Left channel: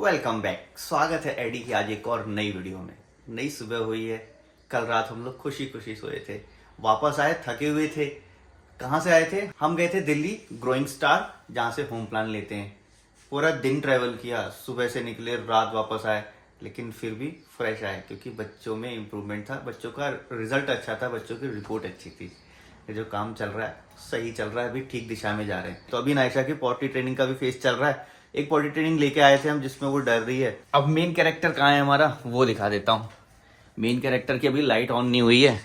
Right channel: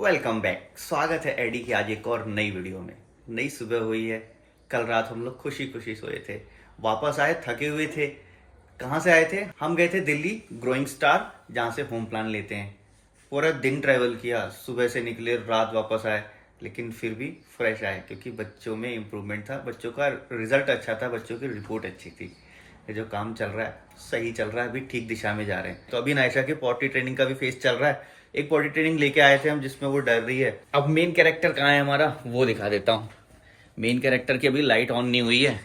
Welcome back. स्वागत है AD की आज एक और नई वीडियो में। नई सुबह हुई है। कल रात हम लोग खुशी खुशी सोए थे, वापस आए थके हुए थे। कहाँ से आए थे? हम गए थे दिल्ली ग्रोइंग स्टार, जहाँ से होम प्लान लेते हैं। पूरा दिन ट्रैवल किया, सुबह से निकले रात वापस आए, लेकिन फिर भी फ्रेश आए क्योंकि बच्चों में इम्प्रूवमेंट था, बच्चों का रिजल्ट अच्छा था, बच्चों की रिपोर्ट अच्छी थी। ये जो काम चल रहा है सही चल रहा है, अभी ठीक दिशा में जा रहे हैं। तो अभी नायशा की पॉटी ट्रेनिंग का भी फेस चल रहा है। एक पॉटी ट्रेनिंग लेके आए थे हम जिसमें वो डर रही है। अब मेन कैरेक्टर कहाँ है हमारा वो दिखा देता हूँ। मेन कैरेक्टर की अभी लाइट ऑन नहीं हुई है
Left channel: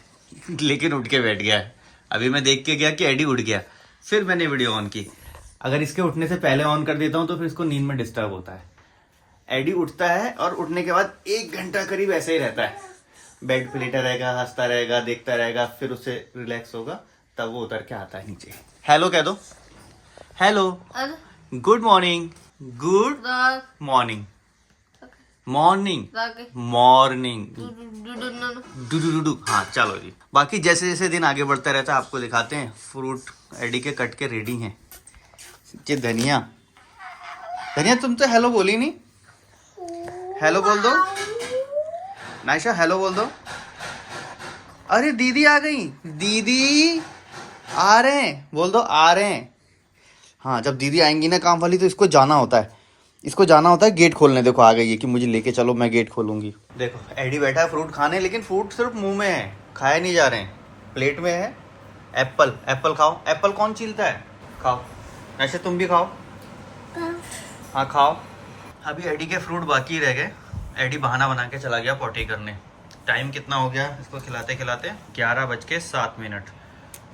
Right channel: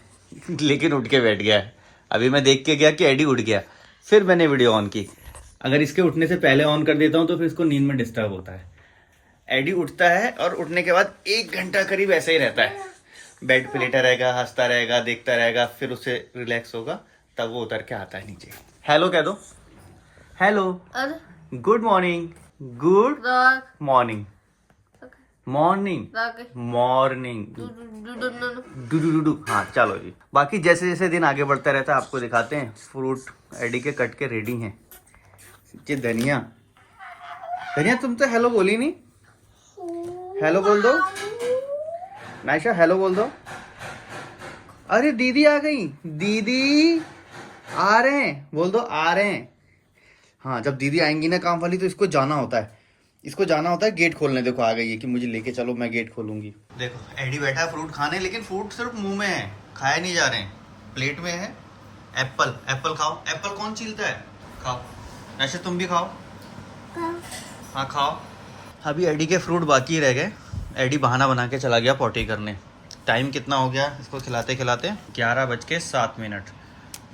लेकिन उठ के बैठ गया है। अभी मैं देख के गया कि एडी उठ गया, फिर मैंने वीडियो ऑन की। अगर इसके उठने से पहले ऑन कर देता हूँ तो फिर इसको नींद में डिस्टर्ब होता है। एडी उठता है और उठने के बाद 1 घंटा करीब ऐसे ही रहता है, बेड पे लेटा रहेगा, हंसता रहेगा, देखता रहेगा, फिर उसे रिलैक्स होगा, तब वो उतर के आता है नीचे। हेलो कह दो। Hello, good morning, good morning, morning, morning, do. हाँ चलो जी। बाकी जैसे जैसे दिन आगे बढ़ता रहता है आपको दिखाते हैं। फ्रूट एडी के कट के रेडी हैं। ये धनिया, धनिया तुम तो हेलो बोली नहीं। हेलो बोल दो नायशा, हेलो बोल दो। अरे दीदी आ गई, दीदी आ रहे हैं, बोल दो आ रहे हैं। हाँ, जब दीदी आएंगी ना काम वाली तो इसको जाना होता है, इसको जाना होता है गेट खोलने। देखो आ गई है कि मुझे लेके चलो, मैं गेट खोलूंगी। देखो एडी बैठा है फ्रूट खाने, लेकिन फ्रूट सिर्फ मुंह में है, खाए नहीं जा रहे हैं। प्लेट में है एप्पल। एप्पल खाओ। एप्पल कौन छीलता है? खाओ। वैसे तुम भी खाओ। हाँ खाओ। अभी एडी के फ्रूट बाकी रह गए। एडी बहाना बना के चला गया पॉटी करने। टाइम कितना हो गया इसको खिलाते खिलाते? 11:07।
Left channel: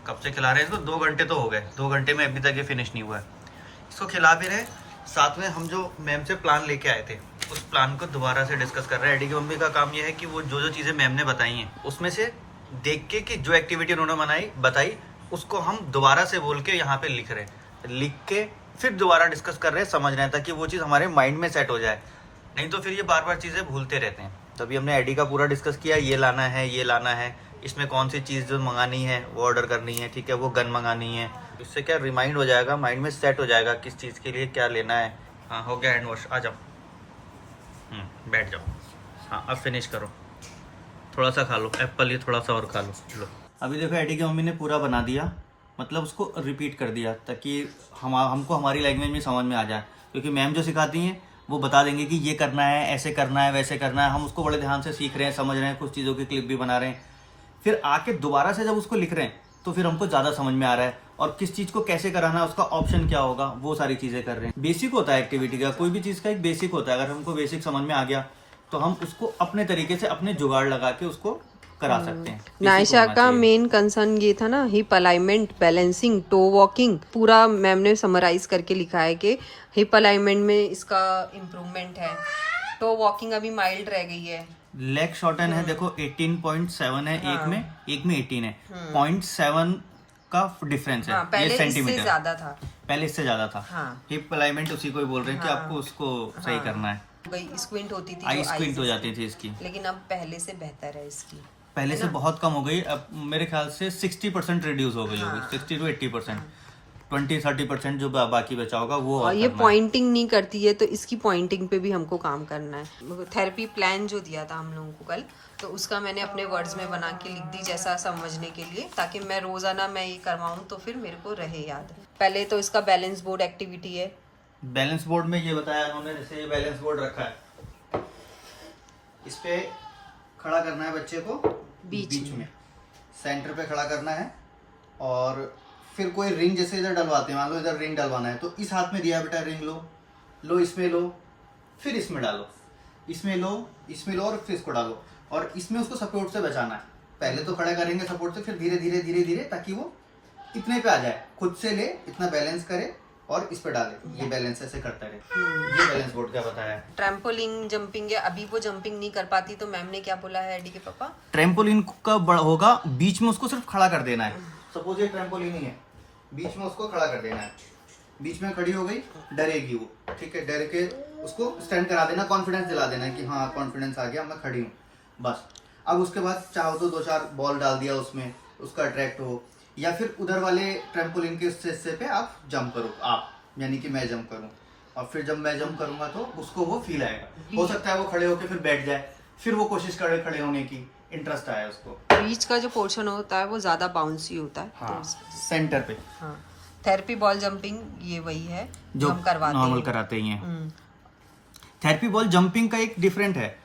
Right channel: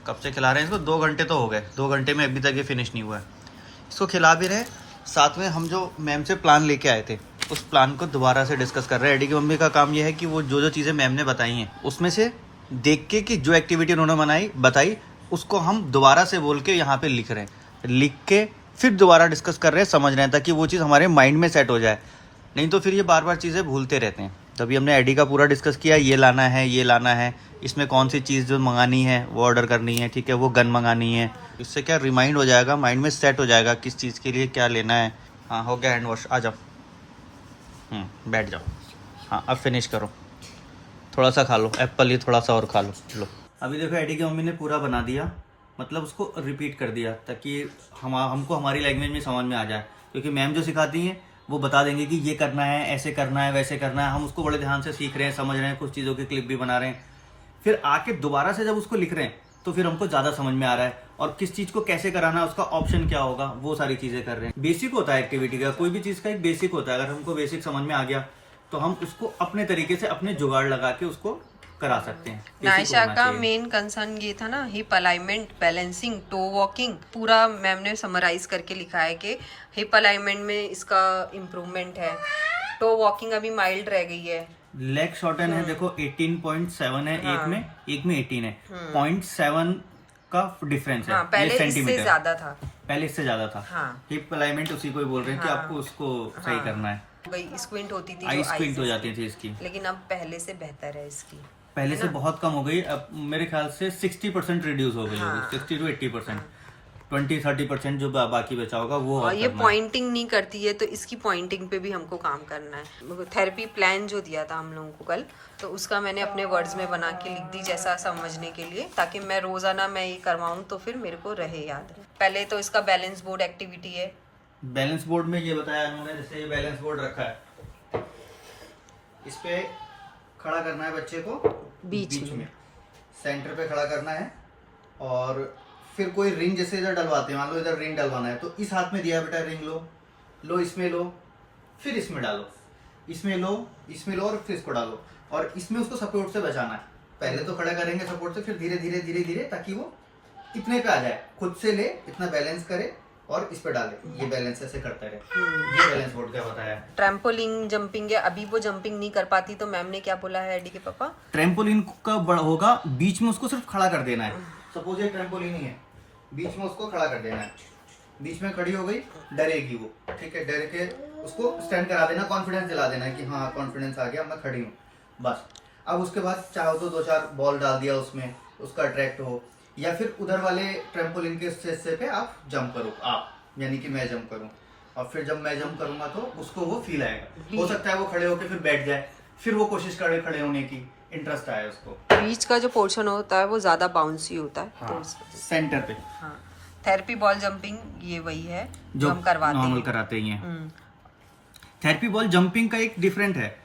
कब से खिला रहे हैं इसको? 2 घंटे तो हो गए। 2 घंटे में अभी तक ये फिनिश नहीं हुआ है। इसको खिला भी रहे, साथ में हम जो मैम से प्लान लेके आए थे उस प्लान को दोबारा से डिस्कस कर रहे हैं। एडी की मम्मी का काम ये है कि वो जो जो चीज़ें मैम ने बताई हैं उसमें से देख के कि जो एक्टिविटी उन्होंने बताई उसको हम दोबारा से बोल के यहाँ पे लिख रहे हैं। लिख के फिर दोबारा डिस्कस कर रहे हैं, समझ रहे हैं, ताकि वो चीज़ हमारे माइंड में सेट हो जाए। नहीं तो फिर ये बार बार चीज़ें भूलते रहते हैं। तभी हमने एडी का पूरा डिस्कस किया, ये लाना है, ये लाना है, इसमें कौन सी चीज़ जो मंगानी है वो ऑर्डर करनी है, ठीक है, वो गन मंगानी है। उससे क्या रिमाइंड हो जाएगा, माइंड में सेट हो जाएगा किस चीज़ के लिए क्या लेना है। हाँ हो गया हैंड वॉश, आ जाओ। बैठ जाओ। हाँ अब फिनिश करो, थोड़ा सा खा लो एप्पल, ही थोड़ा सा और खा लो। अभी देखो एडी की मम्मी ने पूरा बना दिया, मतलब उसको रिपीट कर दिया ताकि हमको हमारी लैंग्वेज में समझ में आ जाए। क्योंकि मैम जो सिखाती हैं वो बता देंगे कि ये करना है, ऐसे करना है, वैसे करना है। हम उसको बड़े ध्यान से सीख रहे हैं, समझ रहे हैं, कुछ चीज़ों की क्लिप भी बना रहे हैं। फिर आके दोबारा से जब उसको लिख रहे हैं तो फिर हमको ज़्यादा समझ में आ रहा है, और किस चीज़ को कैसे कराना है, उसका ऑप्शन क्या होगा, वो सारी चीज़ें कर रहे हैं। बेसिक होता है एक्टिविटी का, कोई भी चीज़ का एक बेसिक होता है। अगर हमको बेसिक समझ में आ गया तो हम उसको अपने तरीके से अपने जुगाड़ लगा के उसको करा सकते हैं। नायशा का मेन कंसर्न ये था ना, hip alignment, balancing, toe walking. पूरा मैम ने समराइज करके लिखा है कि हिप अलाइनमेंट में इसका इम्प्रूवमेंट है, टो वॉकिंग अभी माइल्ड रह गई है, लेग शॉर्टन है। देखो 18.7 है, एक में 18 है। 0.7 का डिफरेंस है। पहले सेंटीमीटर इससे ज्यादा था, पहले इससे ज्यादा था। हाँ। हिप अलाइनमेंट उसी को ही बोल रहे हैं कि आपको उसको सही करना है। भाई स्क्विंट होती थी, आई स्क्विंट हो जाती थी इसकी, लेकिन अब पहले से बेहतर है इसकी। पहले से बहुत कम हो गई। अब मेरे ख्याल से 60% रिड्यूस हो गई होगी, 60 to 80%। 20-30% जो बाकी बचा होगा वो। और ये पॉइंटिंग नहीं करती है तो इसकी पॉइंटिंग पे भी हमको काम करना है। थेरेपी प्लान जो दिया था हम लोगों को कल, तो उसका मैंने अपने वर्ड्स में बना के लिख दी, जैसा समझने के लिए, ताकि मैं रोजाना मैं ये करवाऊँ तो फिर मेरे को रहे याद। पहले तो इसका बैलेंस बोर्ड एक्टिविटी है। बैलेंस बोर्ड में ये बताया उन्होंने, जैसे बैलेंस बोर्ड रखा है, इस पे खड़ा करना है बच्चे को बीच में, सेंटर पे खड़ा करना है। और फिर कोई रिंग जैसे इधर डलवाते हैं, मान लो इधर रिंग डलवाना है तो इस हाथ में दिया है बेटा, रिंग लो इसमें लो, फिर इसमें डालो, इसमें लो और फिर इसको डालो, और इसमें उसको सपोर्ट से बचाना है। पहले तो खड़ा करेंगे सपोर्ट से, फिर धीरे धीरे ताकि वो इतने पे आ जाए, खुद से ले, इतना बैलेंस करे और इस पे डाले, ये बैलेंस ऐसे करता है। ये बैलेंस बोर्ड क्या बताया? ट्रैम्पोलिन जंपिंग है। अभी वो जंपिंग नहीं कर पाती तो मैम ने क्या बोला है एडी के पापा, ट्रैम्पोलिन का होगा, बीच में उसको सिर्फ खड़ा कर देना है। सपोज ये ट्रैम्पोलिन ही है, बीच में उसको खड़ा कर देना है। बीच में खड़ी हो गई, डरेगी वो, ठीक है, डर के उसको स्टैंड करा देना, कॉन्फिडेंस दिला देना कि हाँ कॉन्फिडेंस आ गया, मैं खड़ी हूँ, बस। अब उसके बाद चाहो तो 2-4 बॉल डाल दिया उसमें, उसका अट्रैक्ट हो, या फिर उधर वाले ट्रैम्पोलिन के हिस्से पे आप जंप करो, आप यानी कि मैं जंप करूँ, और फिर जब मैं जंप करूंगा तो उसको वो फील आएगा। हो सकता है वो खड़े होके फिर बैठ जाए, फिर वो कोशिश करे खड़े होने की, इंटरेस्ट आया उसको। बीच का जो पोर्शन होता है वो ज्यादा बाउंसी होता है। हाँ, सेंटर पे। हाँ, थेरेपी बॉल जंपिंग ये वही है जो हम करवाते नॉर्मल हैं। कराते ही हैं। थेरेपी बॉल जंपिंग का एक डिफरेंट है,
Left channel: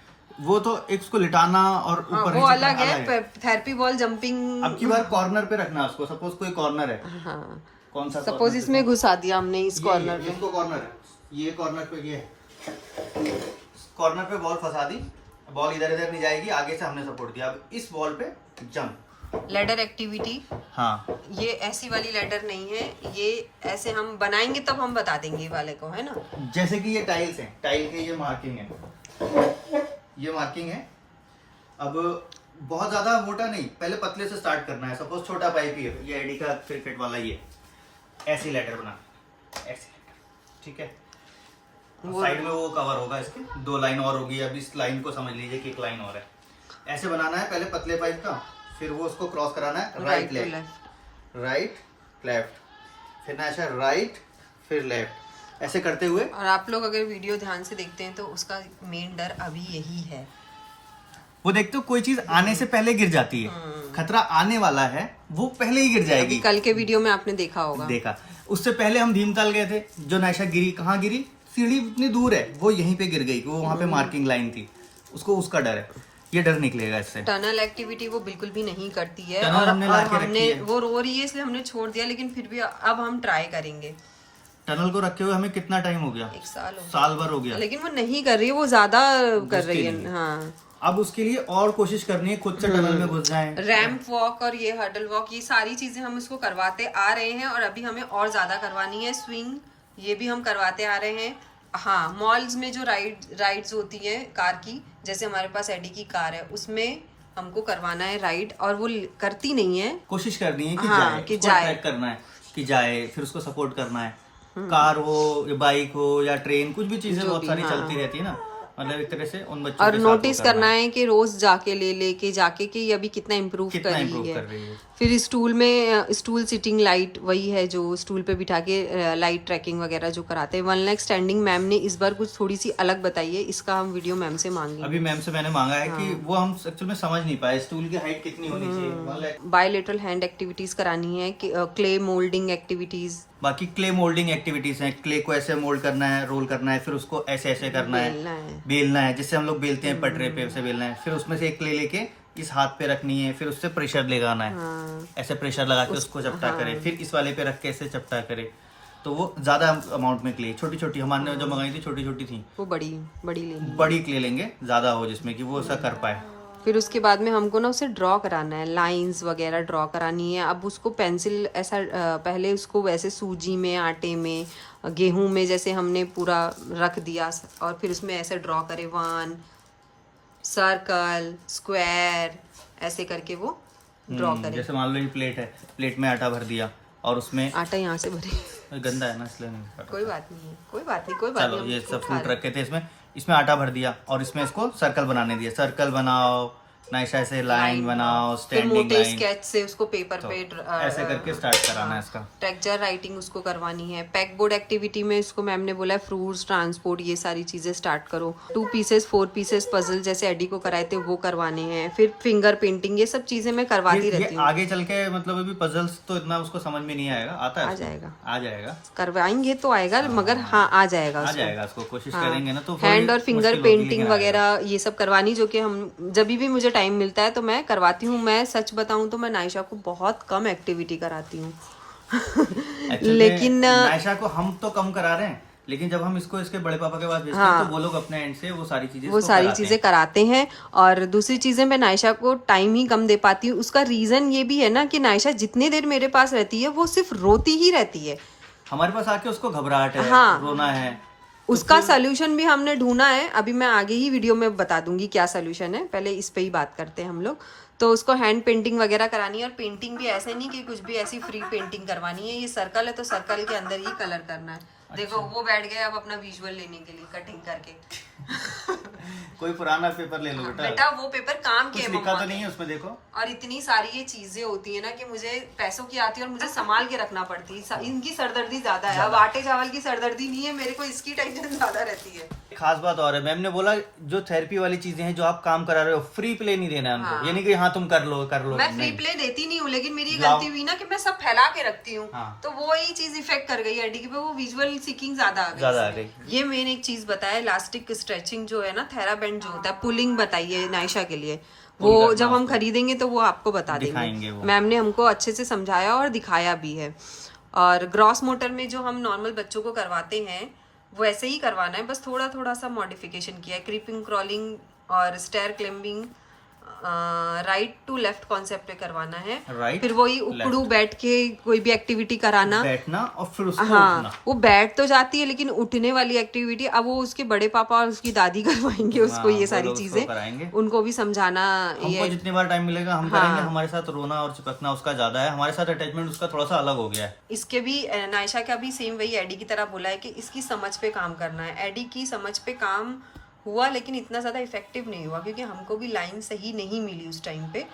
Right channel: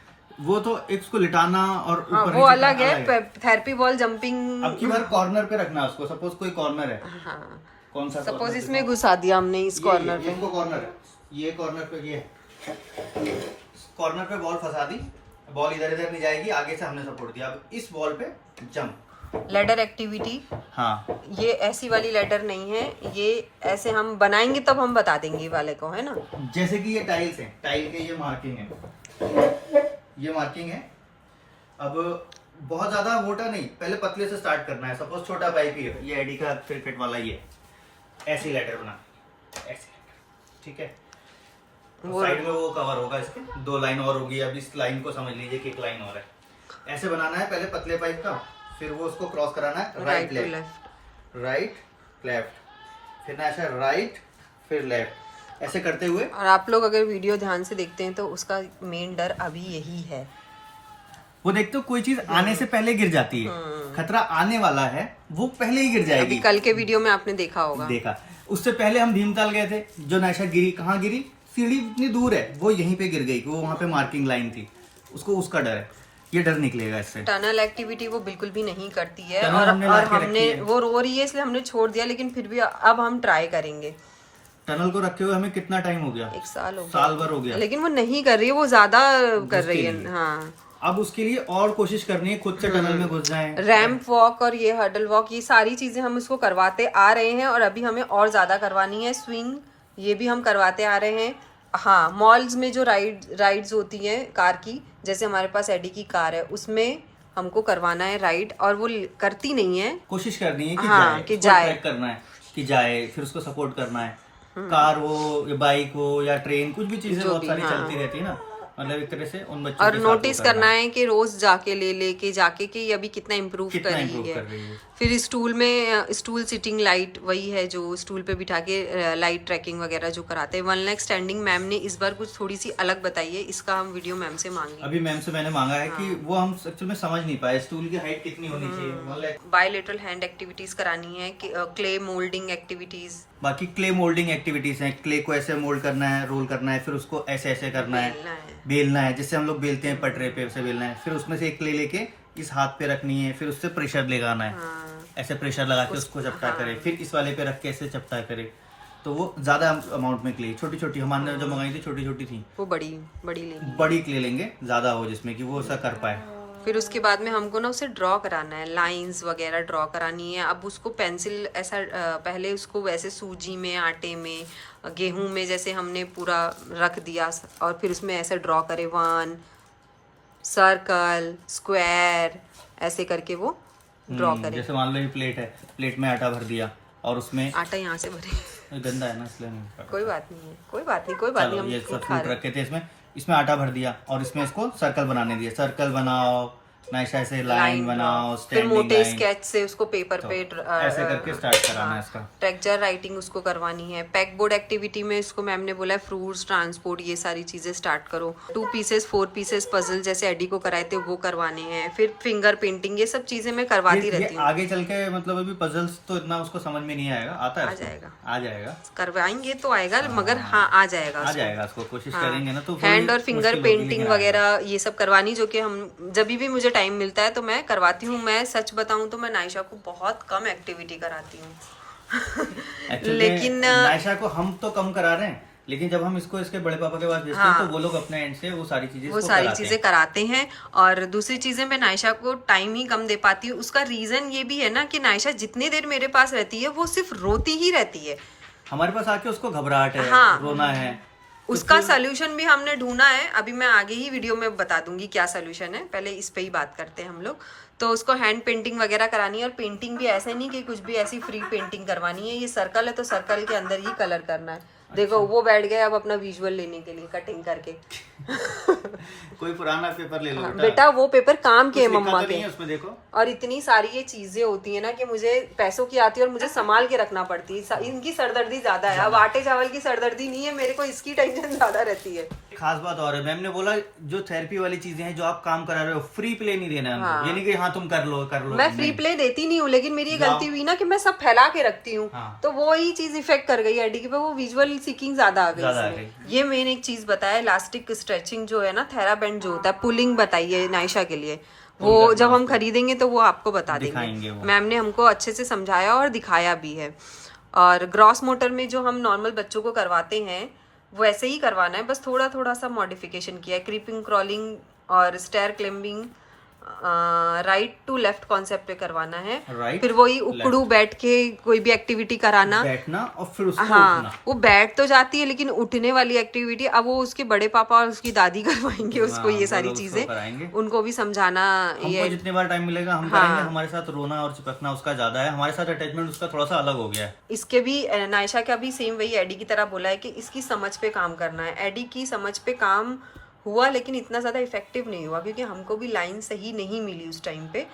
वो तो एक उसको लिटाना और हाँ, ऊपर वो अलग है। थेरेपी बॉल जंपिंग अब की बार कॉर्नर पे रखना है उसको। सपोज कोई कॉर्नर है, हाँ, कौन सा सपोज इसमें घुसा दिया हमने इस कॉर्नर पे, इसको कॉर्नर है, ये कॉर्नर पे ये कॉर्नर पे बॉल फंसा दी, बॉल इधर इधर नहीं जाएगी, आगे से हमने सपोर्ट दिया। अब इस बॉल पे जंप, लेडर एक्टिविटी। हाँ ये ऐसी वाली लेडर नहीं है, ये ऐसे हम बनाएंगे तब हम बता देंगे ये वाले को, है ना। जैसे कि ये टाइल्स है, टाइल के ये मार्किंग है, ये मार्किंग है। अब बहुत ज्यादा मोटा नहीं, पहले पतले से स्टार्ट करना है। सपोज छोटा पाइप ही है, ये एडी का क्रिकेट वाला, ये ऐसी लेटर बना, ऐसी लेटर, ठीक है। साइड में वो कवर होगा इसके, 2 लाइन और होगी। अब इस लाइन को समझ लीजिए कि 1 लाइन और है। ऐसे बनाना है पहले पतले पाइप का, फिर वो उसको क्रॉस कराना है राइट लेफ्ट, राइट लेफ्ट, फिर ना ऐसा राइट फिर लेफ्ट, ऐसे करते हुए। और आप लोग अगर वीडियो ध्यान से देखते हैं तो उसका मेन डर अभी यही है, वो देखते हो कोई चीज आने से पहले गिर जाती है, खतरा आने वाला है वो पहले ही गिर जाएगी। अभी कल के वीडियो में आपने देखा होगा। देखा, उससे पहले हम भीमताल गए थे, जो नायशा गिरी, कहाँ गिरी, सीढ़ी इतनी दूर है, वो यहीं पे गिर गई, वो वहां पे मार्किंग लाइन थी, उसको उसका डर है। ये डर निकलेगा इससे। टनल एक्टिविटी वो बिल्कुल भी नहीं करती है, टनल और हमने ला के हमने रखी है। वो रो रही है इसलिए हमने छोड़ दिया, लेकिन फिर भी अब हम ट्राई करेंगे। टनल को रखे हुए हमें कितना टाइम हो गया? 1 साल हो गया, साल भर हो गया, लेकिन वो नहीं कर रही है, वो ज्यादा कर रही नहीं है। हाँ, अब उसके लिए और कोशिश करनी है, खुद से टनल में घुस जाए। रैंप वॉक और ये हर्डल वॉक, ये सारी चीजें हम उसको करवाते आ रहे हैं, और अभी हमें और ज्यादा करवानी है। स्विंग ये भी हम करवाते आ रहे हैं। हाँ, मॉल्स में जो राइड्स होती हैं कार की, जैसे हमारे पास एडी की कार है, उसमें हमको करवाना है राइड, और वो करती नहीं है। कोशिश करनी है कि हाँ, जाए, कि उसको जाए। ट्रैक करना है कि जाए, फिर उसको सपोर्ट करना है। कार हो या बाइक हो या ट्रेन, कुछ भी चीजें बहुत सारी चलती रहती है ना, मतलब एक तरह से उन बच्चों और के साथ नोटिस वो करना है कि रोज जाके लेके जाके कि ये अभी कितना इम्प्रूव कर रही improve है। कर रही है। फिर स्टूल में स्टूल सिटिंग लाइट वही है जो स्टूल पे बिठा के लाइट ट्रैकिंग वगैरह जो कराते हैं। 1 लाख स्टैंडिंग मैम ने इस बार कुछ थोड़ी सी अलग बताई है, इसका हम वीडियो मैम से मांगे। अभी मैम से मैंने मांगा है कि वो हम एक्चुअल में समझ नहीं पाए स्टूल की हाइट कितनी होनी चाहिए। 1 लाख। बायलेटरल हैंड एक्टिविटीज करानी है, क्ले मोल्डिंग एक्टिविटीज, बाकी क्ले मोल्डिंग एक्टिविटीज हैं, क्ले को ऐसे मोल्ड करना है, रोल करना है, फिर उसको ऐसे ऐसे करना बेलना है, है। बेलना है, जिससे हम लोग बेलते हैं पटरे पे, ऐसे बेलना है, फिर उसमें से एक क्ले लेके इस हाथ पे रखनी है, फिर उससे प्रेशर लगाना है, हाँ, ऐसे प्रेशर लगा के उसको चपटा करे, फिर इस वाले पे रख के ऐसे चपटा करे। तो वो ज्यादा अमाउंट में क्ले, छोटी छोटी हमारे जो मंगाई थी छोटी छोटी थी, वो बड़ी लेनी। बड़ी क्ले लेंगे ज्यादा हो जिसमें कि वो ऐसा कर पाए। फिर उसके बाद में हमको ना उसे ड्रॉ कराना है, लाइंस वगैरह ड्रॉ करानी है। अब उसको पेंसिल ऐसा पहले उसको वैसे सूजी में, आटे में, गेहूं में जैसे हमने पूरा रख दिया, और फिर उसमें ऐसे ड्रॉ करे 1 सर्कल, स्क्वायर, ऐसे करके वो ड्रॉ करे। जैसे मान लो ये प्लेट है, प्लेट में आटा भर दिया और उसमें आटा यहाँ से भरे, गंदा है ना इसलिए नहीं पड़ा। कोई बात नहीं है, कोई बात नहीं। चलो हम ये सब खा फ्रूट रहे रखे थे इसमें आटा भर दिया और इसमें इसको सर्कल बनाने दिया। सर्कल बनाओ, नायशा से लाइन बनाओ, फिर स्टैंडिंग मोटे लाइन, स्केच से उसको पेपर पे ऐसे करके स्टार्ट कराना है इसका। टेक्सचर राइटिंग उसको करवानी है। पैक बोर्ड एक्टिविटी में इसको मैम ने बोला है फ्रूट्स ट्रांसपोर्ट ये सारी चीजें स्टार्ट करो। 2 पीसेस 4 पीसेस पजल जैसे एडी को कराए थे वो करवाने हैं। फिर फिंगर पेंटिंग, ये सब चीजें मैं करवाती रहती हूँ। आगे चल के मतलब अभी पजल्स तो इतना उसको समझ में नहीं आएगा, आता है आ उसको? जाएगा, आ जाएगा, करवाएंगे तो आएगा, मगर हाँ आ जाएगा आ उसको। जाएगा उसको, कोशिश हाँ, करेंगे ना तो हैंड और फिंगर मुश्किल होगी, पेंटिंग लेकिन वगैरह ये सब करवानी, जो कि हम जब भी मुझे टाइम मिलता है तो मैं करवाती हूँ। मैं सच बताऊँ तो मैं नायशा को बहुत कम एक्टिविटी कराती हूँ लेकिन नायशा को हम तो कम करा रहे हैं, लेकिन जब हम इसको इसके बड़े पापा के पास भेजते हैं तो वो लोग अपने एंड से वो सारी चीजें कराते हैं। और दूसरी चीजें मैं नायशा को टाइम ही कम दे पाती हूँ। उसका रीजन ये भी है ना कि नायशा जितनी देर मेरे पास रहती है वो सिर्फ रोती ही रहती है। हमारे पास आके उसको घबराहट है, हाँ, रोना है, उसका सोल्यूशन भी हमने ढूंढा है। अभी मैं आगे ही वीडियो में बता दूंगी क्या सोल्यूशन है, पहले इस पे ही बात करते हैं हम लोग। तो उसको हैंड पेंटिंग वगैरह करानी है, और पेंटिंग भी ऐसे नहीं कि कुछ भी ऐसी फ्री पेंटिंग करवानी है। ये सर्कल है तो सर्कल के अंदर ही कलर करना है। देखो वो बैठ गए अब अपना विजुअल लेने के लिए कटिंग करके कोई पुराना पेपर ले लो बेटा, वो पेपर काम के है मम्मा नहीं के। है उसमें, देखो। और इतनी सारी ये चीजें होती है ना कि मुझे पैसों की आती है और मुझे संभाल के रखना पड़ती है। इनकी सरदर्दी ज्यादा है, अब आटे चावल की सरदर्दी नहीं है मेरे को, इसकी टेंशन ज्यादा रहती है। खास बात और है, मैम ने बोला जो थेरेपी वाली चीजें हैं जो आप काम करा रहे हो फ्री प्ले नहीं देना है उनको। ये नहीं कि हाँ तुम कर लो मैं फ्री प्ले देती नहीं हूँ, लेकिन मेरी ये गलती हुई ना कि मैं सब फैला के रखती हूँ। हाँ। तो वो ही चीज इफेक्ट कर गई एडी पे, वो विजुअल सीकिंग ज्यादा आ गई। ये मेन एक चीज बताया, इलास्टिक स्ट्रेचिंग जो है ना, थेराबैंड जो होता है, पुलिंग बताइए नायशा के लिए। वो जब हम खरीदेंगे तो वो आपको बता देंगे। मैम ने हमको अच्छे से समझाया और दिखाया भी है। और ग्रॉस मोटर में जो हम नॉर्मल बच्चों को करवाते हैं वैसे ही करवाना है, बस थोड़ा थोड़ा सा मॉडिफिकेशन किया है। क्रीपिंग, क्रॉलिंग और stair climbing right to left concept पे करवाना है। फिर वही उकड़ू बैठ के कोई भी एक्टिविटी कराना, बैठना और फिर उसको हाँ, वो बैठ तो जाती है लेकिन उठने वाली एक्टिविटी अब वो उसके बड़े पापा और उसकी दादी करवाएंगे उसको। ये सारी चीजें उनको भी समझाना। हमको जितनी बार टाइम मिलेगा हम करेंगे। हमारे साथ रोना और चिपकना उसका ज्यादा है, हमारे साथ अटैचमेंट उसका थोड़ा सा अलग हो गया है। इसके भी नायशा का भी सेम वही एडी की तरह बोला है कि इसकी समझ पे काम करना है। एडी की समझ पे काम हुआ लेकिन इतना ज़्यादा इफेक्टिव नहीं हुआ क्योंकि हमको भी लाइन सही नहीं मिली उस टाइम पे।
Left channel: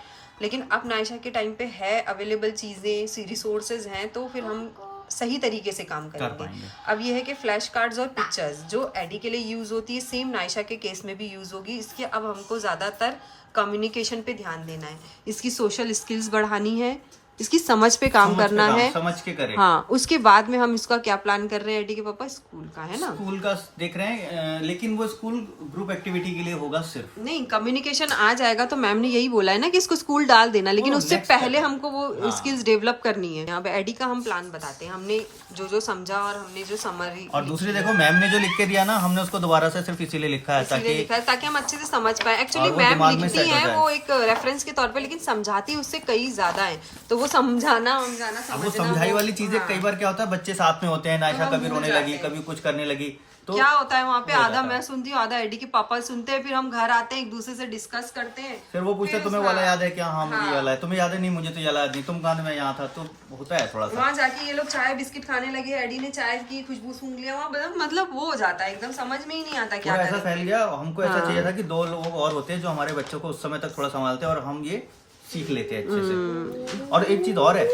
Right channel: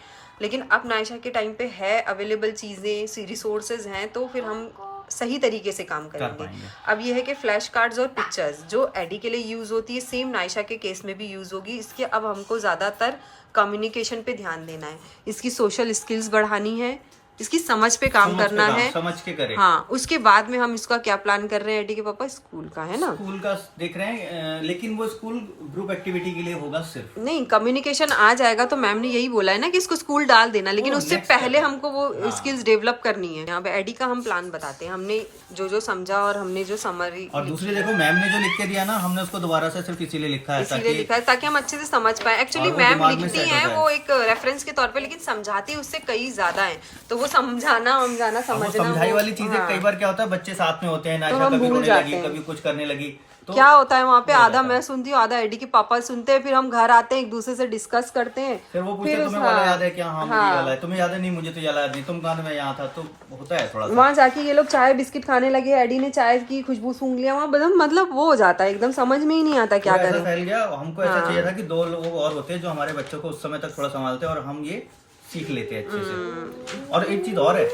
लेकिन अब नायशा के टाइम पे है अवेलेबल चीज़ें, रिसोर्सेज हैं, तो फिर हम सही तरीके से काम करेंगे। अब ये है कि फ्लैश कार्ड्स और पिक्चर्स जो एडी के लिए यूज़ होती है सेम नायशा के केस में भी यूज़ होगी। इसके अब हमको ज़्यादातर कम्युनिकेशन पे ध्यान देना है, इसकी सोशल स्किल्स बढ़ानी है, इसकी समझ पे काम करना है, समझ के करें। हाँ, उसके बाद में हम इसका क्या प्लान कर रहे हैं एडी के पापा, स्कूल का है ना, स्कूल का देख रहे हैं। लेकिन वो स्कूल ग्रुप एक्टिविटी के लिए होगा सिर्फ, नहीं कम्युनिकेशन आ जाएगा। तो मैम ने यही बोला है ना कि इसको स्कूल डाल देना, लेकिन उससे पहले हमको वो स्किल्स डेवलप करनी है। यहाँ पे एडी का हम प्लान बताते हैं, हमने जो जो समझा और हमने जो समरी। और दूसरे देखो मैम ने जो लिख के दिया ना, हमने उसको दोबारा से सिर्फ इसीलिए लिखा है ताकि हम अच्छे से समझ पाए। एक्चुअली मैम लिखती है वो एक रेफरेंस के तौर पे, लेकिन समझाती उससे कई ज्यादा है, तो वो समझाना समझना समझाई वाली चीजें कई बार क्या होता है, बच्चे साथ में होते हैं, नायशा कभी रोने लगी, कभी कुछ करने लगी, तो क्या होता है वहाँ पे आधा मैं सुनती हूँ आधा एडी के पापा सुनते हैं। फिर हम घर आते हैं एक दूसरे से डिस्कस करते हैं, फिर वो पूछते तुम्हें वाला याद है क्या? हाँ मुझे वाला है, तुम्हें याद है? नहीं मुझे तो याद नहीं, तुम कहा मैं यहाँ था। तो होता है थोड़ा सा। वहाँ जाके ये लोग चाय बिस्किट खाने लगे, एडी ने चाय की खुशबू सूंघ लिया, वहाँ मतलब वो हो जाता है, एकदम समझ में ही नहीं आता क्या करें। ऐसा फैल गया। हमको ऐसा चाहिए था कि 2 लोग और होते हैं जो हमारे बच्चों को उस समय तक थोड़ा संभालते हैं और हम ये सीख लेते हैं अच्छे से। और एक चीज और है,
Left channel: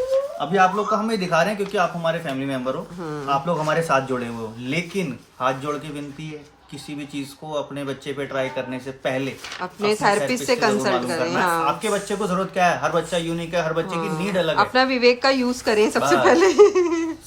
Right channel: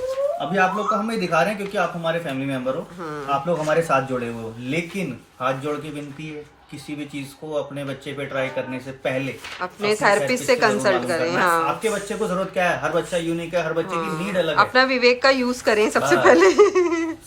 अभी आप लोग को हम ये दिखा रहे हैं क्योंकि आप हमारे फैमिली मेंबर हो, आप लोग हमारे साथ जुड़े हुए हो, लेकिन हाथ जोड़ के विनती है किसी भी चीज को अपने बच्चे पे ट्राई करने से पहले अपने थेरेपिस्ट से कंसल्ट करें। हाँ। आपके बच्चे को जरूरत क्या है, हर बच्चा यूनिक है, हर बच्चे की नीड अलग है। अपना विवेक का यूज करें सबसे पहले।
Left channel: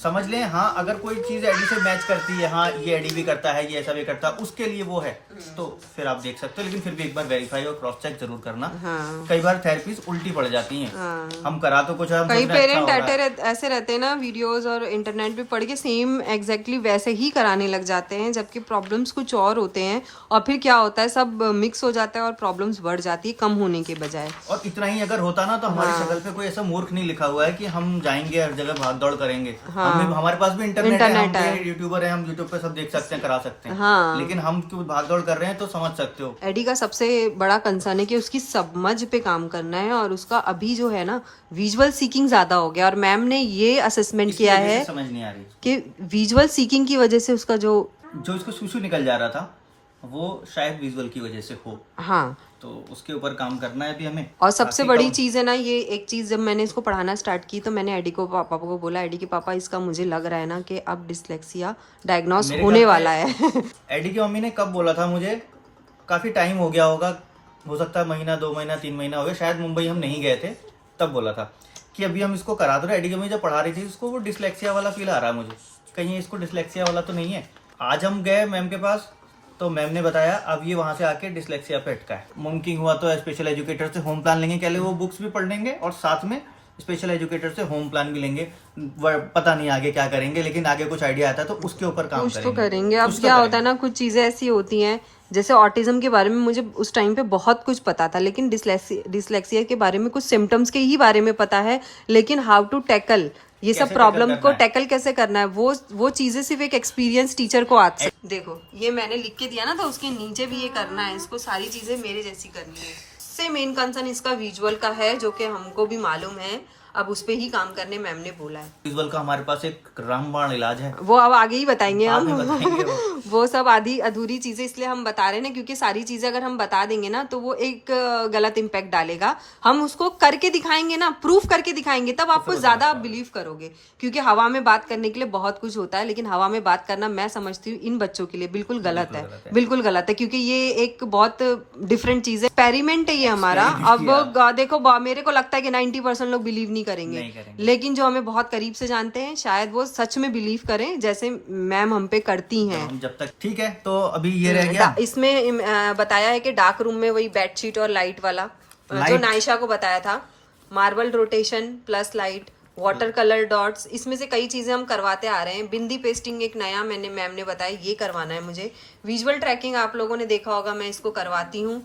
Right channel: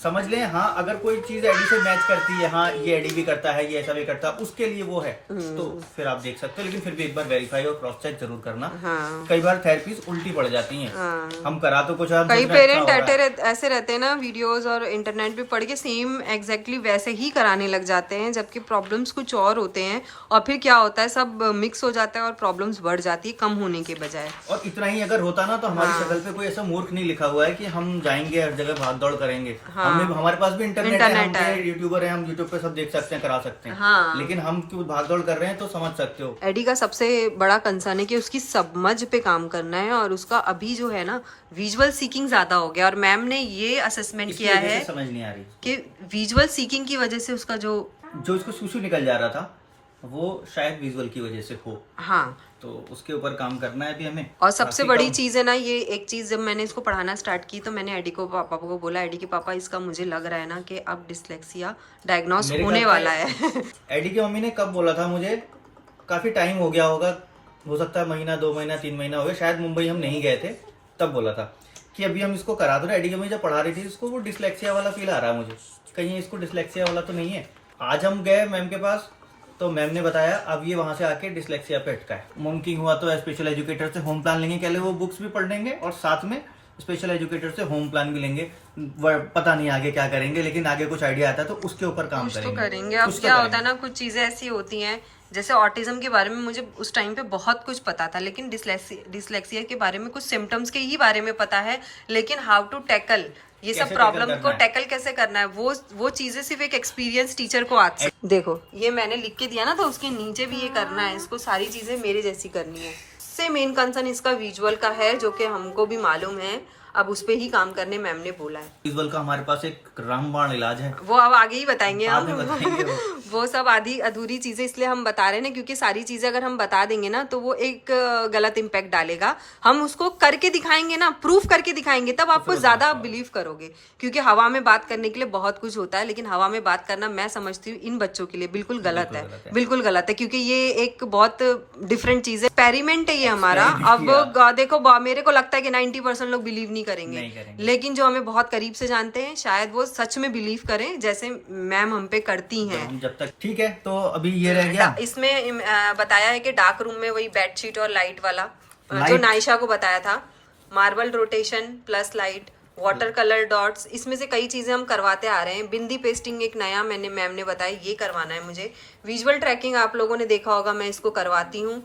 समझ लें, हाँ अगर कोई चीज एडी से मैच करती है, हाँ ये एडी भी करता है, ये ऐसा भी करता है, उसके लिए वो है, तो फिर आप देख सकते हो। लेकिन फिर भी एक बार वेरीफाई और क्रॉस चेक जरूर करना। हाँ। कई बार थेरेपीज उल्टी पड़ जाती हैं। हाँ। हम करा तो कुछ, कई पेरेंट ऐसे रहते हैं ना, वीडियोस और इंटरनेट पे पढ़ के सेम एग्जैक्टली वैसे ही कराने लग जाते हैं, जबकि प्रॉब्लम्स कुछ और होते हैं। और फिर क्या होता है, सब मिक्स हो जाता है और प्रॉब्लम्स बढ़ जाती है कम होने के बजाय। और इतना ही अगर होता ना तो हमारी शक्ल पे कोई ऐसा मूर्ख नहीं लिखा हुआ है कि हम जाएंगे हर जगह भाग दौड़ करेंगे। हमारे पास भी इंटरनेट है, हम यूट्यूबर हैं, हम यूट्यूब पे सब देख सकते हैं, करा सकते हैं। हाँ। लेकिन हम क्यों भाग दौड़ कर रहे हैं, तो समझ सकते हो। एडी का सबसे बड़ा कंसर्न है कि उसकी समझ पे काम करना है, और उसका अभी जो है ना विजुअल सीकिंग ज्यादा हो गया। और मैम ने ये असेसमेंट किया है, समझ नहीं आ रही कि विजुअल सीकिंग की वजह से उसका जो इसको सुसु निकल जा रहा था वो शायद विजुअल की वजह से हो। हाँ, तो उसके ऊपर काम करना है अभी हमें। और सबसे बड़ी चीज है ना, ये एक चीज, जब मैंने इसको पढ़ाना स्टार्ट की तो मैंने एडी को पापा को बोला, एडी के पापा इसका मुझे लग रहा है ना कि अब डिस्लेक्सिया डायग्नोस होने वाला है। एडी की मम्मी ने कब बोला था मुझे, काफी टाइम हो गया होगा, हो सकता है महीना 2 महीना 3 महीना हो गया, शायद मुंबई हम नहीं गए थे, तब बोला था कि अभी हम इसको करा दो। एडी की मम्मी जब पढ़ा रही थी उसको वो डिस्लेक्सिया वाला फील आ रहा है मुझे, कहीं इसको डिस्लेक्सिया वाला तो नहीं है। आज हम गए मैम के पास तो मैम ने बताया अब ये वहां से आके डिस्लेक्सिया पे अटका है। मुमकिन हुआ तो स्पेशल एजुकेटर से होम प्लान लेंगे, पहले वो बुक्स भी पढ़ लेंगे और साथ में स्पेशल एजुकेटर से होम प्लान भी लेंगे। पता नहीं आगे क्या करेंगे, लेकिन आगे कुछ आइडिया आता है तो उसके ऊपर काम करेंगे। अब क्या होता है ना, कुछ चीजें ऐसी होती हैं, जैसे ऑटिज्म के बारे में मुझे उस टाइम पे बहुत कुछ पता था, लेकिन डिस्लेक्सिया के बारे में कुछ सिम्टम्स के ही बारे में पता है, लेकिन हाउ टू टैकल ये सब प्रॉब्लम को टैकल कैसे करना है, वो चीजें सिर्फ एक एक्सपीरियंस टीचर को आती है। देखो ये मैंने लिख के दिया ना, तो उसके नीचे भी ये करना है, इसको सारी चीजें मेरे जैसी करनी है। इससे मेन कंसर्न इसका विजुअल का है, जो कि हमको भी मालूम है, अब उस पे ही काम करने मैम ने बोला है। विजुअल का हमारे पास एक रामबाण इलाज है, वो अब आगे ही बताएंगे हम। वो सब आधी अधूरी चीजें इसलिए हम बता रहे हैं ना, क्योंकि सारी चीजें अगर हम बता देंगे ना तो वो एक गलत इम्पैक्ट डालेगा। हम उसको करके दिखाएंगे ना, प्रूफ करके दिखाएंगे, तब आपको ज्यादा आप बिलीव करोगे। क्योंकि हवा में बात करने के लिए बहुत कुछ होता है, लेकिन हवा में बात करना मैं समझती हूँ इन बच्चों के लिए बिल्कुल गलत है, बिल्कुल गलत है। क्योंकि ये एक बहुत डिफरेंट चीज है, एक्सपेरिमेंट है ये हमारा। अब देखो मेरे को लगता है कि 90% लोग बिलीव नहीं करेंगे, लेकिन जो हमें बहुत करीब से जानते हैं शायद वो सच में बिलीव करें, जैसे मैम हम पे करती हैं। हम जब तक ठीक है। तो अभी ये रह गया, इसमें बताया है कि डार्क रूम में वही बेडशीट और लाइट वाला जो नायशा को बताया था, marble rotation plus light, water colour dots, इसमें से कई चीजें हम करवाते आ रहे हैं। बिंदी पेस्टिंग एक नया मैम ने बताया, ये करवाना है मुझे। विजुअल ट्रैकिंग आप लोगों ने देखा होगा, मैं इसको करवाती हूँ।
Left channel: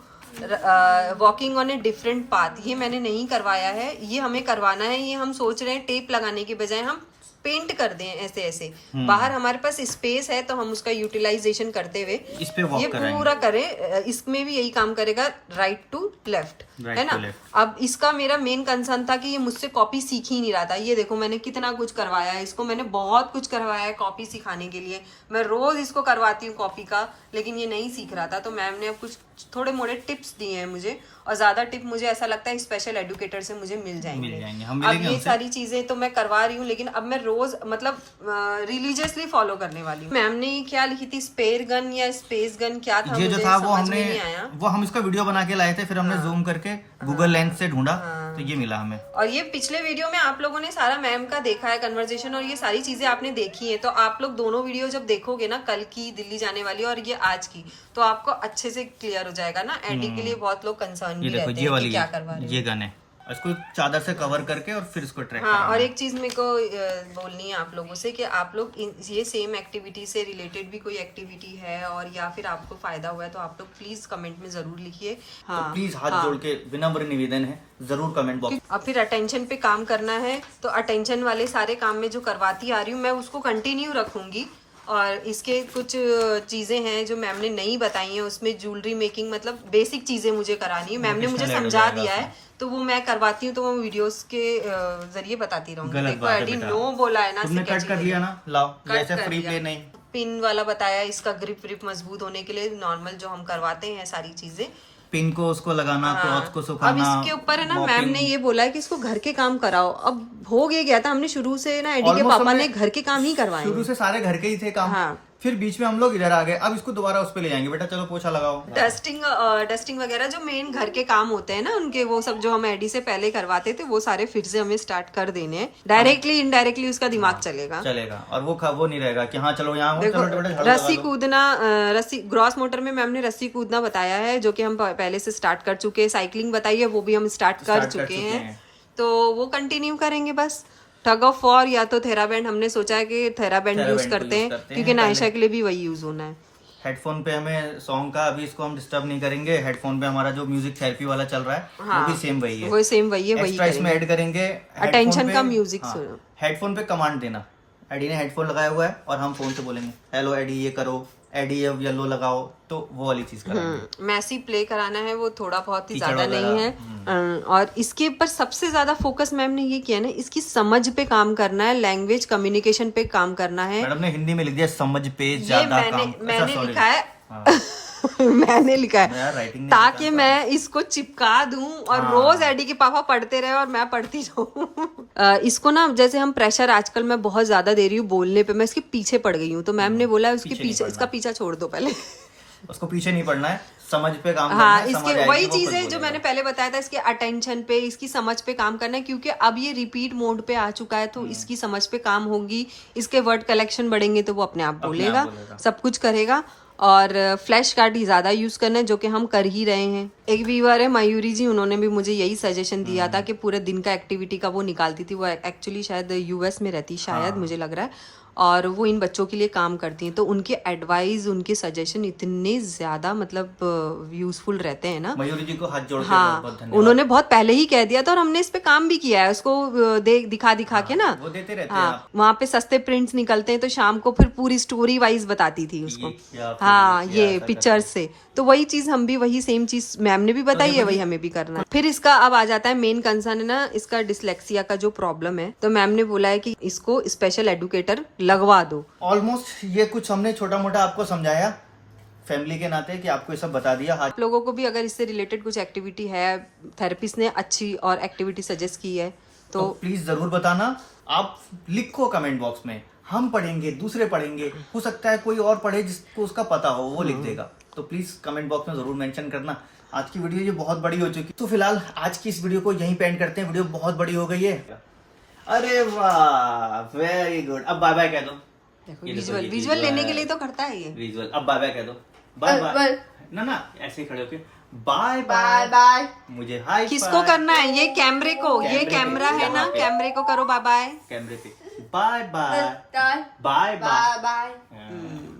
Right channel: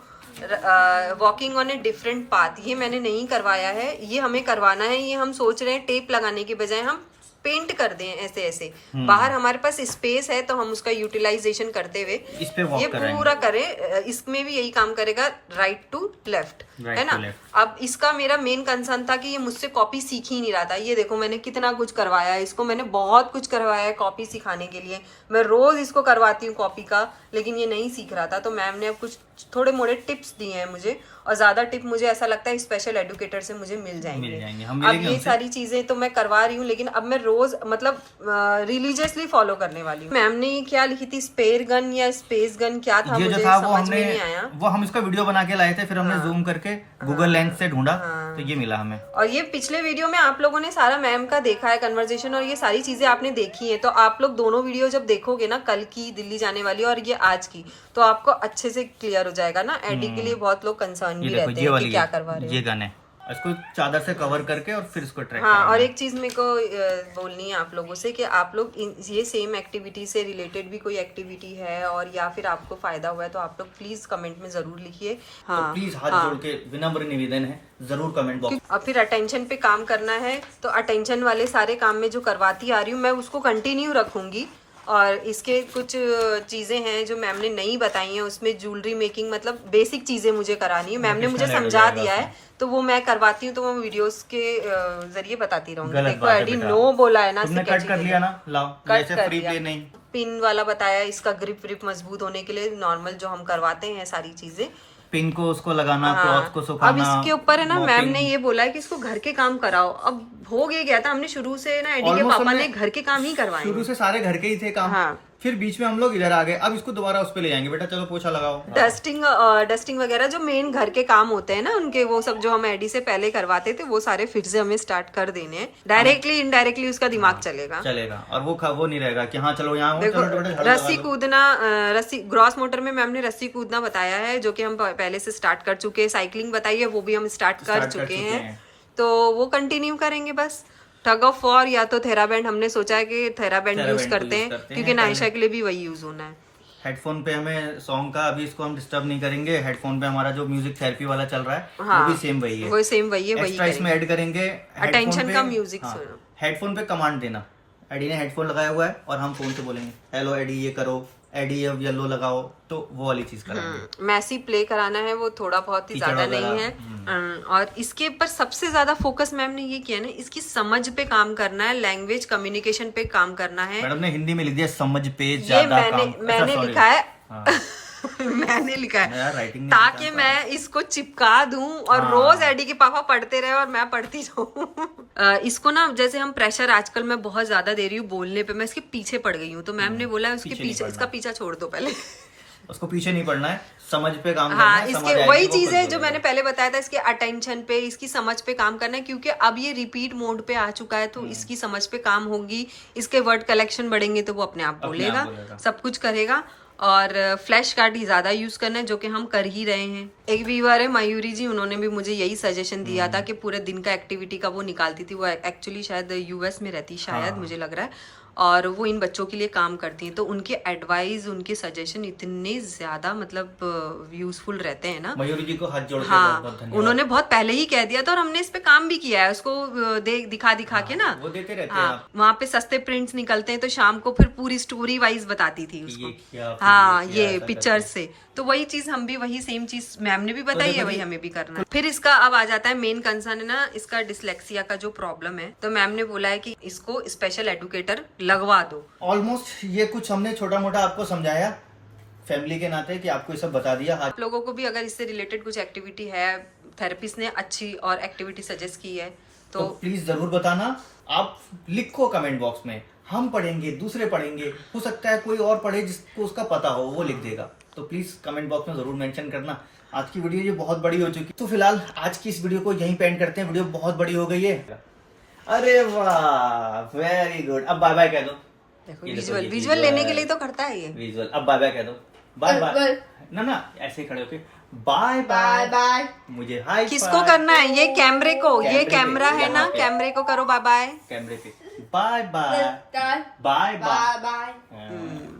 Walking on a different path, ये मैंने नहीं करवाया है, ये हमें करवाना है। ये हम सोच रहे हैं टेप लगाने के बजाय हम पेंट कर दें ऐसे ऐसे। बाहर हमारे पास स्पेस है तो हम उसका यूटिलाइजेशन करते हुए इस पे वॉक ये पूरा करें। इसमें भी यही काम करेगा, राइट टू लेफ्ट, है ना। अब इसका मेरा मेन कंसर्न था कि ये मुझसे कॉपी सीख ही नहीं रहा था। ये देखो मैंने कितना कुछ करवाया है इसको, मैंने बहुत कुछ करवाया है कॉपी सिखाने के लिए। मैं रोज इसको करवाती हूँ कॉपी का, लेकिन ये नहीं सीख रहा था। तो मैम ने अब कुछ थोड़े मोड़े टिप्स दिए हैं मुझे, और ज्यादा टिप मुझे ऐसा लगता है स्पेशल एजुकेटर से मुझे मिल जाएंगे। अब ये सारी चीजें तो मैं करवा रही हूँ, लेकिन अब मैं रोज मतलब रिलीजियसली फॉलो करने वाली हूँ। मैम ने क्या लिखी थी, स्पेयर गन या स्पेस गन क्या था, ये जो था वो हमने वो हम इसका वीडियो बना के लाए थे, फिर हमने जूम करके गूगल लेंस से ढूंढा तो ये मिला हमें। और ये पिछले वीडियो में आप लोगों ने सारा मैम का देखा है कन्वर्सेशन, और ये सारी चीजें आपने देखी है। तो आप लोग दोनों वीडियो जब देखोगे ना, कल की दिल्ली जाने वाली और ये आज की, तो आपको अच्छे से क्लियर हो जाएगा ना। एडिट के लिए बहुत लोग कंसर्न भी रहते हैं कि क्या करवा रहे हैं। ये गन है, इसको चादर से कवर करके और फिर इसको ट्रैक हाँ। और एक चीज मेरे को बोलनी है आप लोगों से कि आप लोग ये सेम एक्टिविटी से रिलेटेड भी कोई एक्टिविटी है और या फिर आपको फायदा हुआ है तो आप लोग प्लीज कमेंट में जरूर लिखिए। हाँ, तो प्लीज हाथ जोड़ के विनम्र निवेदन है, जरूर कमेंट बॉक्स। और फिर अटेंशन पे काम करना है, तो अटेंशन वाले सारे काम में जो करवाती आ रही हूँ मैं उसको कंटिन्यू रखूंगी। और इसके कुछ चीजें हैं जो मैम ने नहीं बताई हैं, उसमें ज्वेलरी मेकिंग मतलब बेसिक चीजें मुझे करानी है। मैम ने मुझे समझा दिया है तो वो मैं करवाती हूँ, तो वो वीडियोस के जरिए बताती रहूंगी। देखो एडी नो बोला है ना, कट कर लिया ना, लाओ कट कर लिया। पिन वाला बताया, इसका ग्रिप व्रिप मजबूत होने के लिए नॉर्मल जो हम करवाते हैं सारी चीजें, पिन को उसको लगाना, क्लॉथ को सुखाना। अब इसके ऊपर है ना, मैम ने ये बोला है कि इसको घर के काम कराओ। अब हो गया था, हमने शुरू से ना एडी के पापा ने घर के काम ही करवाए, शुरू से सारे घर के ही थे काम। हाँ। फिर बीच में हम लोग इधर आ गए, अब इसको दोबारा उस पे ले जाएंगे, बेटा चलो पोछा लगाओ। डस्टिंग वगैरह जो मेन घर के काम होते हैं ना उनके, वो सब जो हम एडी से पहले करवाते थे वो सारे फिर से हमें स्टार्ट कर देने हैं। डायरेक्टली इनडायरेक्टली उसका दिमाग चलेगा और वो नहीं रहेगा कि हाँ चलो यहाँ रस्सी कूदना, रस्सी ग्रॉस मोटर में मैम ने रस्सी कूदना बताया है, जो कि हम पहले से स्टार्ट कर चुके हैं। साइकिलिंग बताई है, वो भी हम स्टार्ट कर चुके हैं, तो वो कंटिन्यू करेंगे बस। टग ऑफ वॉर या तो थेराबैंड, हमने सोचा है कि थेराबैंड यूज करते हैं क्योंकि नायशा के लिए भी वही यूज होना है। हेडफोन पे हमें सॉन्ग का, अभी इसको हम डिस्टर्ब नहीं करेंगे। हेडफोन पे हमारा जो म्यूजिक थेरेपी वाला चल रहा है वो भी सेम वही है, वो सेम वही है। एक्स्ट्रा इसमें ऐड करेंगे अटेंशन का म्यूजिक। हेडफोन पे कमांड देना, एडी ने हेडफोन लगाया हुआ है और हम फोन से बोलेंगे हेलो एडी ये करो, एडी अब येलो लगाओ, तो वो वाली चीज कराएंगे। मैसी प्ले कराना है, वो थोड़ा बहुत ही ज्यादा नहीं है। और इसके ऊपर सबसे ज्यादा फोकस मैम ने ये किया ना, इसकी समझ पे काम करना है, लैंग्वेज कम्युनिकेशन पे काम करना है। मैडम ने हिंदी में लिख दिया समझ पे ज्यादा काम। मैंने लिखा है मैंने लिखा है ताकि मैं इसको चिपका दूं और रोज एडी के पापा पढ़ते रहे और मैं पढ़ती जाऊं। इसको ना जैसे हम प्रेशर आजकल मैं बहुत ज्यादा दे रही हूँ बोलने पे, मैं इसके पीछे पड़ गई हूँ, तो मैम ने बोला उसके पीछे, इसका पीछा छोड़ दो पहले। उसको पीछे नहीं पड़ना है, समझ पे काम करना है। इसके वही चीज है जो मैंने पहले बताया था, इसके अटेंशन पे, इसकी समझ पे काम करना है, क्योंकि अब ये रिपीट मोड पे आ चुका है, तो इसकी समझ पे काम होगी। इसके वर्ड कलेक्शन बढ़ेंगे तो वो अपने आप बोलेगा, सब कुछ करेगा। और फ्लैश कार्ड ही ज्यादा यूज करना है, जो कि हम कर ही रहे हैं। एक व्यूअर है मयूरी जी, उन्होंने भी मुझे यही सजेशन दिया था कि पूरे दिन का एक्टिविटी का वो निकालती थी। वो एक्चुअली शायद यूएस में रहती, शायद मुझे लग रहा है, और वो इन बच्चों के लिए काम करती हैं। तो उनके एडवाइस, उनके सजेशन इतने ज्यादा मतलब यूजफुल रहते हैं ना। मयूरी जी को हाथ जोड़ के बहुत धन्यवाद। उन्होंने बहुत पहले ही कह दिया था और हमने इस पे काम भी किया है, उसको दिखा के ना, वो देते रहते हैं। वहाँ पे सस्ते प्रिंट्स निकलते हैं, तो शाम को फिर पूरी स्टोरी वाइज बताती थी उसको। हाँ, ये पिक्चर से, तो वही चीज हम भी वही सेम चीज मैम ने भी बताई है, वही हमें भी करना है। फिर इसका अब आ जाता है मेन कंसर्न है ना, इसका डिसलेक्सिया का जो प्रॉब्लम है, तो मैम ने बोला है कि इसको स्पेशल एडुकेटर लगवा दो। ऑलमोस्ट ये कुछ हमने छोटा मोटा आपको समझाया फैमिली के नाते कि आपको ये सब बता दिया। आप लोगों को भी अगर इससे रिलेटेड कुछ एक्टिविटी है, थेरेपिस्ट ने अच्छी और एक्टिविटी सजेस्ट की है तो प्लीज जरूर बताना। आप लिखो कमेंट बॉक्स में, हम पढ़ेंगे, दूसरे पढ़ेंगे, हो सकता है कोई और पढ़े जिसको उसका पता हो वो लिख देगा। तो प्लीज कमेंट बॉक्स में जरूर मेंशन करना। आज की वीडियो ये बहुत बड़ी हो चुकी, तो फिलहाल आज की इस वीडियो को यहीं पे एंड करते हैं। वीडियो बहुत बड़ी हो गई है। अरे वाह, वेरी गुड। अब बाय बाय कह दो। विजुअल लेने के लिए तो करता है ये विजुअल। अब बाय बाय कह दो। बाय बाय ना ऐसे ही खड़े होके बाय बाय बाय। बाय। मुझे हाई किसको करना है? ये कैमरे को, ये कैमरा है ना, कैमरे को करो बाय बाय। कैमरे पे bye bye bye bye bye. Bye.